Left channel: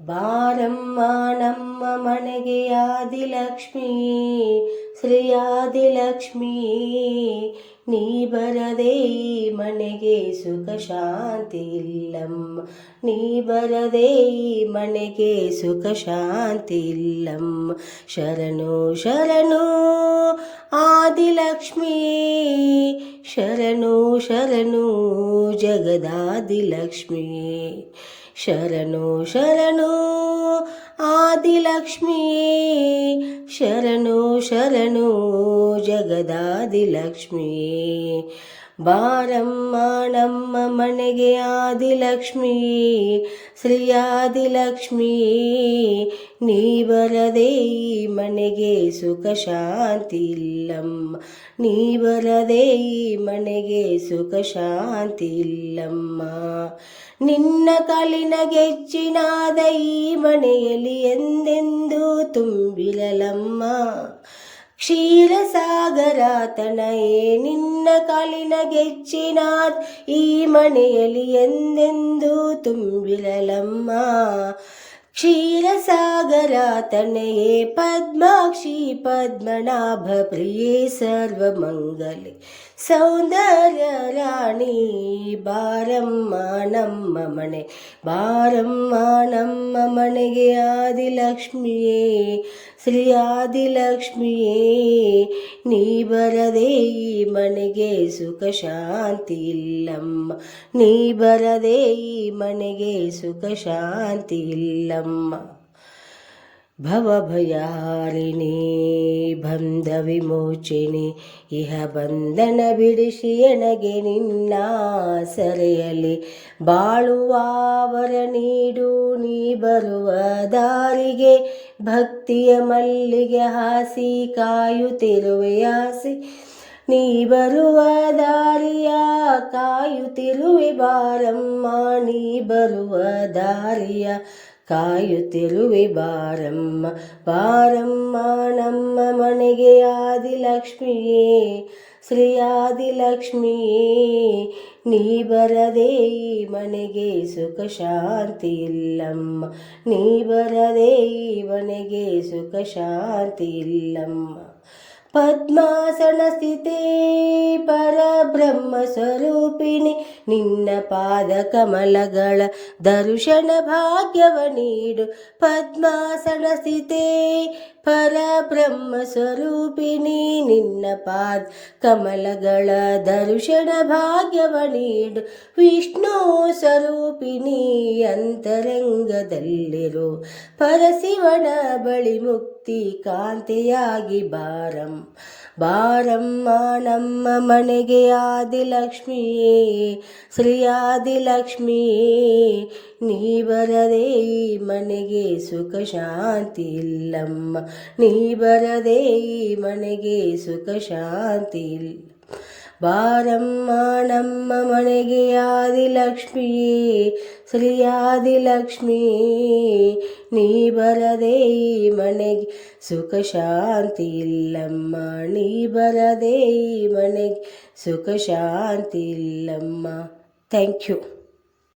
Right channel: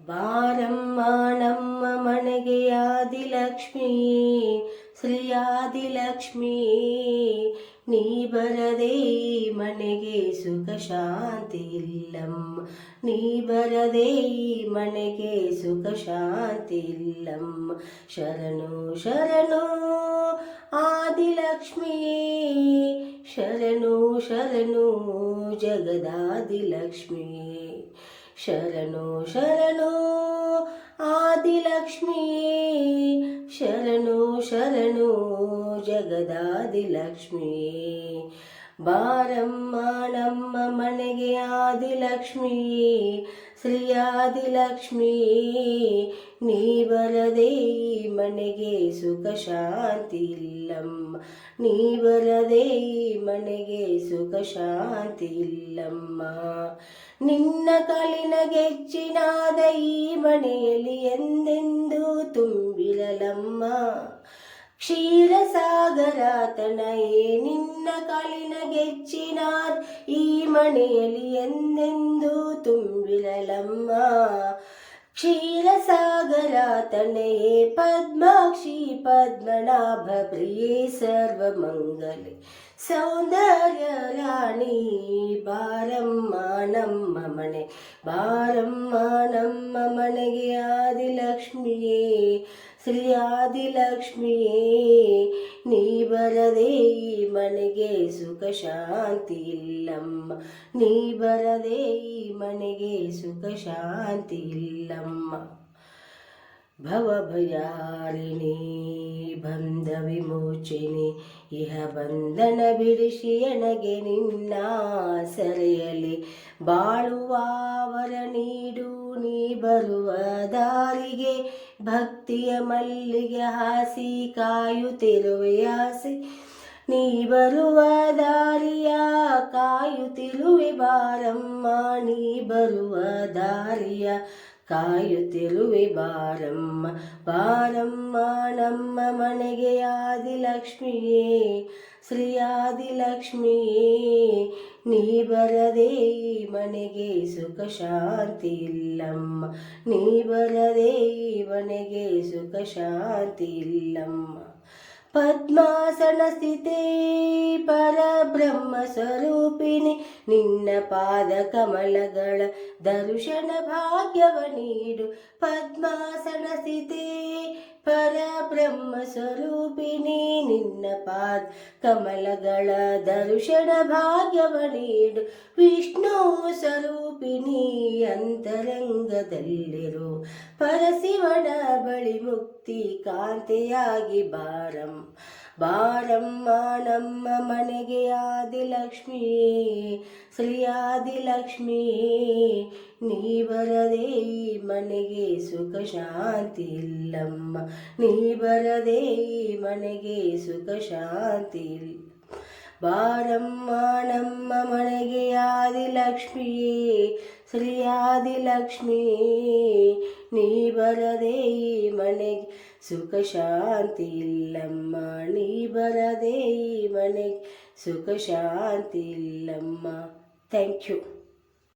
ಬಾರಮ್ಮ ನಮ್ಮ ಮನೆಗೆ ಆದಿಲಕ್ಷ್ಮಿ, ಶ್ರೀ ಆದಿಲಕ್ಷ್ಮಿ. ನೀ ಬರದೆ ಈ ಮನೆಗೆ ಸುಖ ಶಾಂತಿ ಇಲ್ಲಮ್ಮ, ನೀ ಬರದೆ ಈ ಮನೆಗೆ ಸುಖ ಶಾಂತಿ ಇಲ್ಲಮ್ಮ. ಶರಣು ಶರಣು ಆದಿಲಕ್ಷ್ಮಿ, ಶರಣು ಶರಣು ಜಗದಾದಿಲಕ್ಷ್ಮಿ. ಶರಣು ಶರಣು ಆದಿಲಕ್ಷ್ಮಿ, ಶರಣು ಶರಣು ಜಗದಾದಿಲಕ್ಷ್ಮಿ. ಬಾರಮ್ಮ ನಮ್ಮ ಮನೆಗೆ ಆದಿಲಕ್ಷ್ಮಿ, ಶ್ರೀ ಆದಿಲಕ್ಷ್ಮಿ. ನೀ ಬರದೆ ಈ ಮನೆಗೆ ಸುಖ ಶಾಂತಿ ಇಲ್ಲಮ್ಮ, ನೀ ಬರದೆ ಈ ಮನೆಗೆ ಸುಖ ಶಾಂತಿ ಇಲ್ಲಮ್ಮ. ನಿನ್ನ ಕಾಲಿನ ಗೆಜ್ಜಿನಾದ ಈ ಮನೆಯಲ್ಲಿ ಎಂದೆಂದೂ ತುಂಬಿರಲಮ್ಮ. ಕ್ಷೀರಸಾಗರ ತನಯೇ ನಿನ್ನ ಕಾಲಿನ ಗೆಜ್ಜಿನಾದ ಈ ಮನೆಯಲ್ಲಿ ಎಂದೆಂದೂ ತುಂಬಿರಲಮ್ಮ. ಕ್ಷೀರಸಾಗರ ತನಯೇ ಪದ್ಮಾಕ್ಷಿ ಪದ್ಮನಾಭ ಪ್ರಿಯೇ ಸರ್ವಮಂಗಲೆ ಸೌಂದರ್ಯ ರಾಣಿ. ಬಾರಮ್ಮ ನಮ್ಮ ಮನೆ, ಬಾರಮ್ಮ ನಮ್ಮ ಮನೆಗೆ ಆದಿಲಕ್ಷ್ಮಿಯೇ, ಶ್ರೀ ಆದಿಲಕ್ಷ್ಮಿಯೇ. ನೀ ಬರದೆ ಈ ಮನೆಗೆ ಸುಖ ಶಾಂತಿ ಇಲ್ಲಮ್ಮ, ನೀ ಬರದೆ ಈ ಮನೆಗೆ ಸುಖ ಶಾಂತಿ ಇಲ್ಲಮ್ಮ. ಭವಭಯಾರಿಣಿ ಬಂಧ ವಿಮೋಚಿನಿ, ಇಹ ಬಂಧನ ಬಿಡಿಸಿ ಎನಗೆ ನಿನ್ನ ಸೆರೆಯಲ್ಲಿ ಬಾಳುವ ವರ ನೀಡು. ನೀ ಬರುವ ದಾರಿಗೆ ಭಕ್ತಿಯ ಮಲ್ಲಿಗೆ ಹಾಸಿ ಕಾಯುತ್ತಿರುವೆ ಆಸೆ, ನೀ ಬರುವ ದಾರಿಯ ಕಾಯುತ್ತಿರುವೆ ಬಾರಮ್ಮ. ನೀ ಬರುವ ದಾರಿಯ ಕಾಯುತ್ತಿರುವೆ ಬಾರಮ್ಮ. ಬಾರಮ್ಮ ನಮ್ಮ ಮನೆಗೆ ಆದಿಲಕ್ಷ್ಮಿಯೇ, ಶ್ರೀ ಆದಿಲಕ್ಷ್ಮಿಯೇ. ನೀ ಬರದೆ ಈ ಮನೆಗೆ ಸುಖ ಶಾಂತಿ ಇಲ್ಲಮ್ಮ, ನೀ ಬರದೆ ಈ ಮನೆಗೆ ಸುಖ ಶಾಂತಿ ಇಲ್ಲಮ್ಮ. ಪದ್ಮಾಸನ ಸ್ಥಿತೇ ಪರಬ್ರಹ್ಮ ಸ್ವರೂಪಿಣಿ, ನಿನ್ನ ಪಾದ ಕಮಲಗಳ ದರ್ಶನ ಭಾಗ್ಯವ ನೀಡು. ಪದ್ಮಾಸನ ಸ್ಥಿತೇ ಪರಬ್ರಹ್ಮ ಸ್ವರೂಪಿಣಿ, ನಿನ್ನ ಪಾದ ಕಮಲಗಳ ದರ್ಶನ ಭಾಗ್ಯವ ನೀಡು. ವಿಷ್ಣು ಸ್ವರೂಪಿಣಿ ಅಂತರಂಗದಲ್ಲಿರು, ಪರಶಿವನ ಬಳಿ ಮುಕ್ತಿ ಕಾಂತೆಯಾಗಿ ಬಾರಮ್ಮ. ಬಾರಮ್ಮ ನಮ್ಮ ಮನೆಗೆ ಆದಿಲಕ್ಷ್ಮಿಯೇ, ಶ್ರೀ ಆದಿಲಕ್ಷ್ಮಿಯೇ. ನೀ ಬರದೆ ಈ ಮನೆಗೆ ಸುಖ ಶಾಂತಿ ಇಲ್ಲಮ್ಮ, ನೀ ಬರದೆ ಈ ಮನೆಗೆ ಸುಖ ಶಾಂತಿ ಇಲ್ಲ. ಬಾರಮ್ಮ ನಮ್ಮ ಮನೆಗೆ ಆದಿಲಕ್ಷ್ಮಿಯೇ, ಶ್ರೀ ಆದಿಲಕ್ಷ್ಮಿಯೇ. ನೀ ಬರದೆ ಈ ಮನೆಗೆ ಸುಖ ಶಾಂತಿ ಇಲ್ಲಮ್ಮ, ನೀ ಬರದೆ ಈ ಮನೆಗೆ ಸುಖ ಶಾಂತಿ ಇಲ್ಲಮ್ಮ. Thank you.